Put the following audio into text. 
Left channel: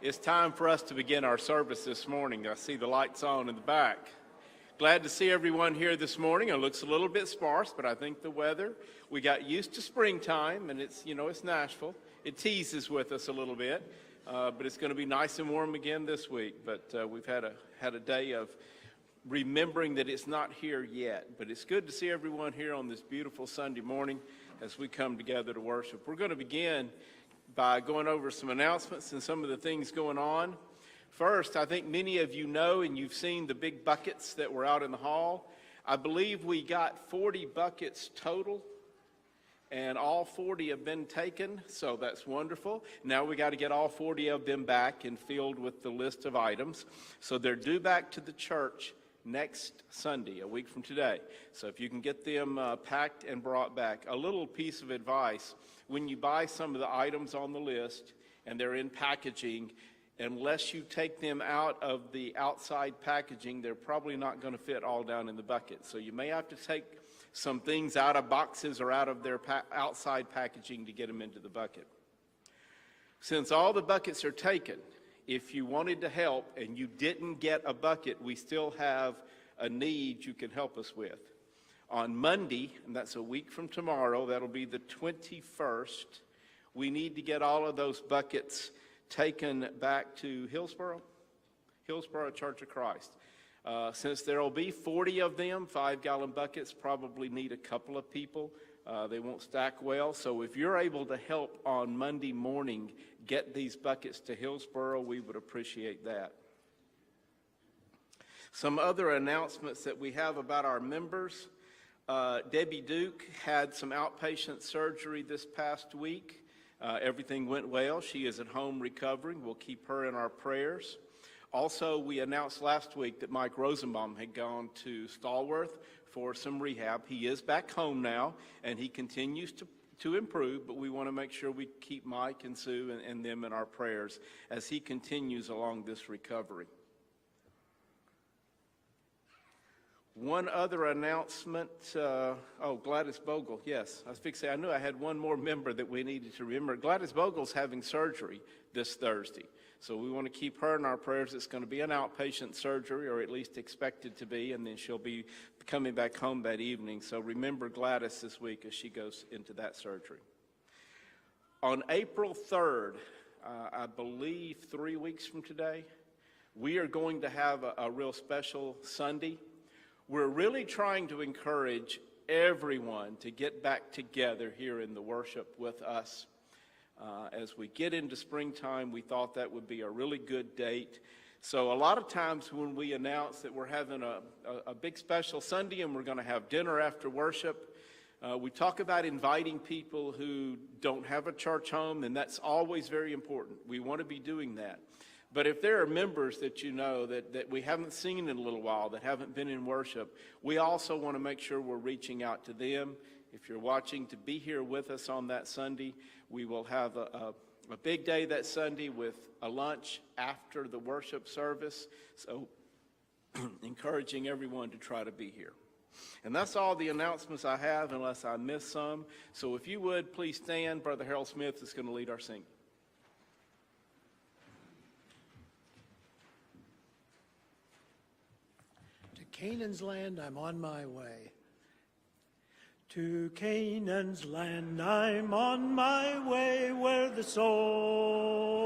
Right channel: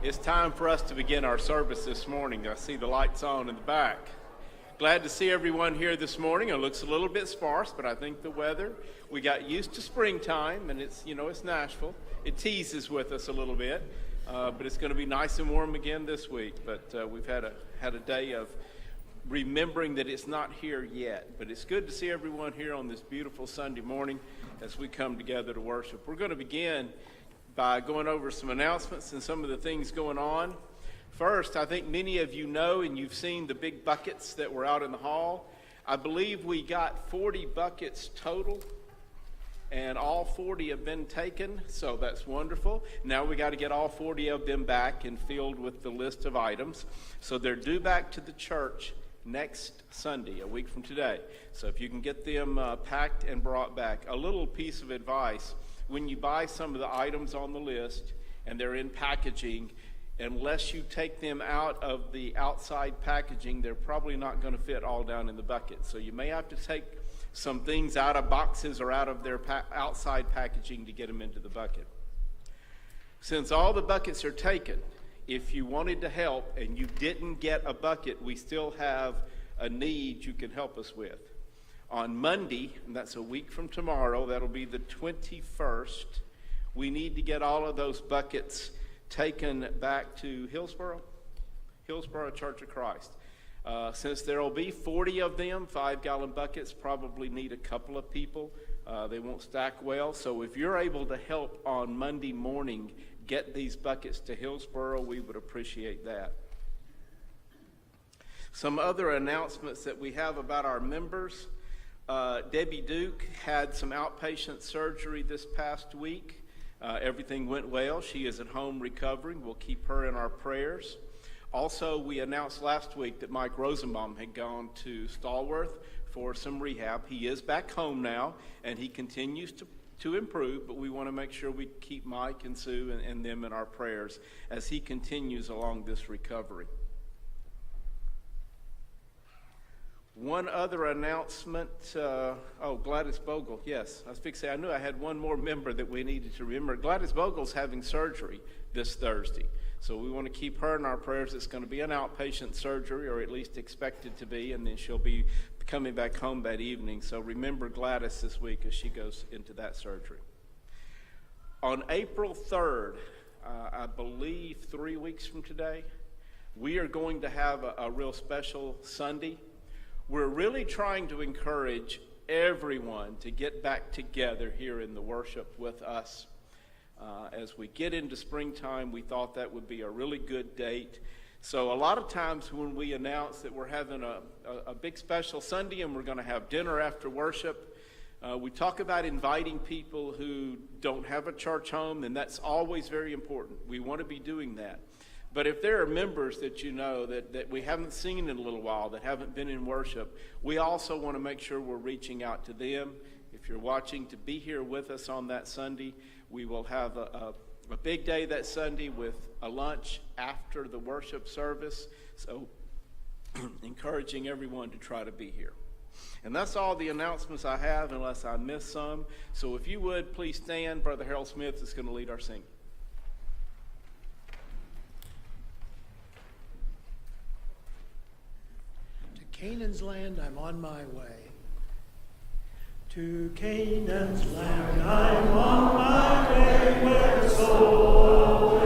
It's time for us to begin our service this morning. I see the lights on in the back. Glad to see everyone here this morning. It looks a little bit sparse, but I think the weather, we got used to springtime, and it's Nashville. It teases with us a little bit, but it's going to be nice and warm again this week. But we've had a day of remembering that it's not here yet. But it's good to see everyone here on this beautiful Sunday morning as we come together to worship. We're going to begin by going over some announcements and some of the things going on. First, I think many of you know and you've seen the big buckets that were out in the hall. I believe we got 40 buckets total, and all 40 have been taken, so that's wonderful. Now we got to get all 40 of them back and filled with the list of items. So they're due back to the church next Sunday, a week from today. So if you can get them packed and brought back. A little piece of advice: when you buy some of the items on the list and they're in packaging, unless you take them out of the outside packaging, they're probably not going to fit all down in the bucket. So you may have to take some things out of boxes or out of their outside packaging to get them into the bucket. Since all the buckets are taken, if you wanted to help and you didn't get a bucket, we still have a need you can help us with. On Monday, and that's a week from tomorrow, that'll be the 21st, we need to get all of those buckets taken back to Hillsboro Church of Christ. Since there will be 40 of them, 5-gallon buckets probably need a couple of people. They won't stack well. So if you're able to help on Monday morning get these buckets to Hillsboro, we would appreciate that. Some other announcements that we have about our members. Debbie Duke had some outpatient surgery this past week. Everything went well. She is at home recovering. We'll keep her in our prayers. Also, we announced last week that Mike Rosenbaum had gone to Stallworth for some rehab. He is back home now, and he continues to improve, but we want to make sure we keep Mike and Sue and them in our prayers as he continues along this recovery. One other announcement, Gladys Bogle, yes. I was fixing to say, I knew I had one more member that we needed to remember. Gladys Bogle's having surgery this Thursday, so we want to keep her in our prayers. It's going to be an outpatient surgery, or at least expected to be, and then she'll be coming back home that evening. So remember Gladys this week as she goes into that surgery. On April 3rd, I believe 3 weeks from today, we are going to have a real special Sunday. We're really trying to encourage everyone to get back together here in the worship with us. As we get into springtime, we thought that would be a really good date. So a lot of times when we announce that we're having a big special Sunday and we're going to have dinner after worship, we talk about inviting people who don't have a church home, and that's always very important. We want to be doing that. But if there are members that you know that we haven't seen in a little while, that haven't been in worship, we also want to make sure we're reaching out to them. If you're watching, to be here with us on that Sunday. We will have a big day that Sunday with a lunch after the worship service. So encouraging everyone to try to be here. And that's all the announcements I have, unless I miss some. So if you would, please stand. Brother Harold Smith is going to lead our singing. Canaan's land, I'm on my way. To Canaan's land, I'm on my way, where the soul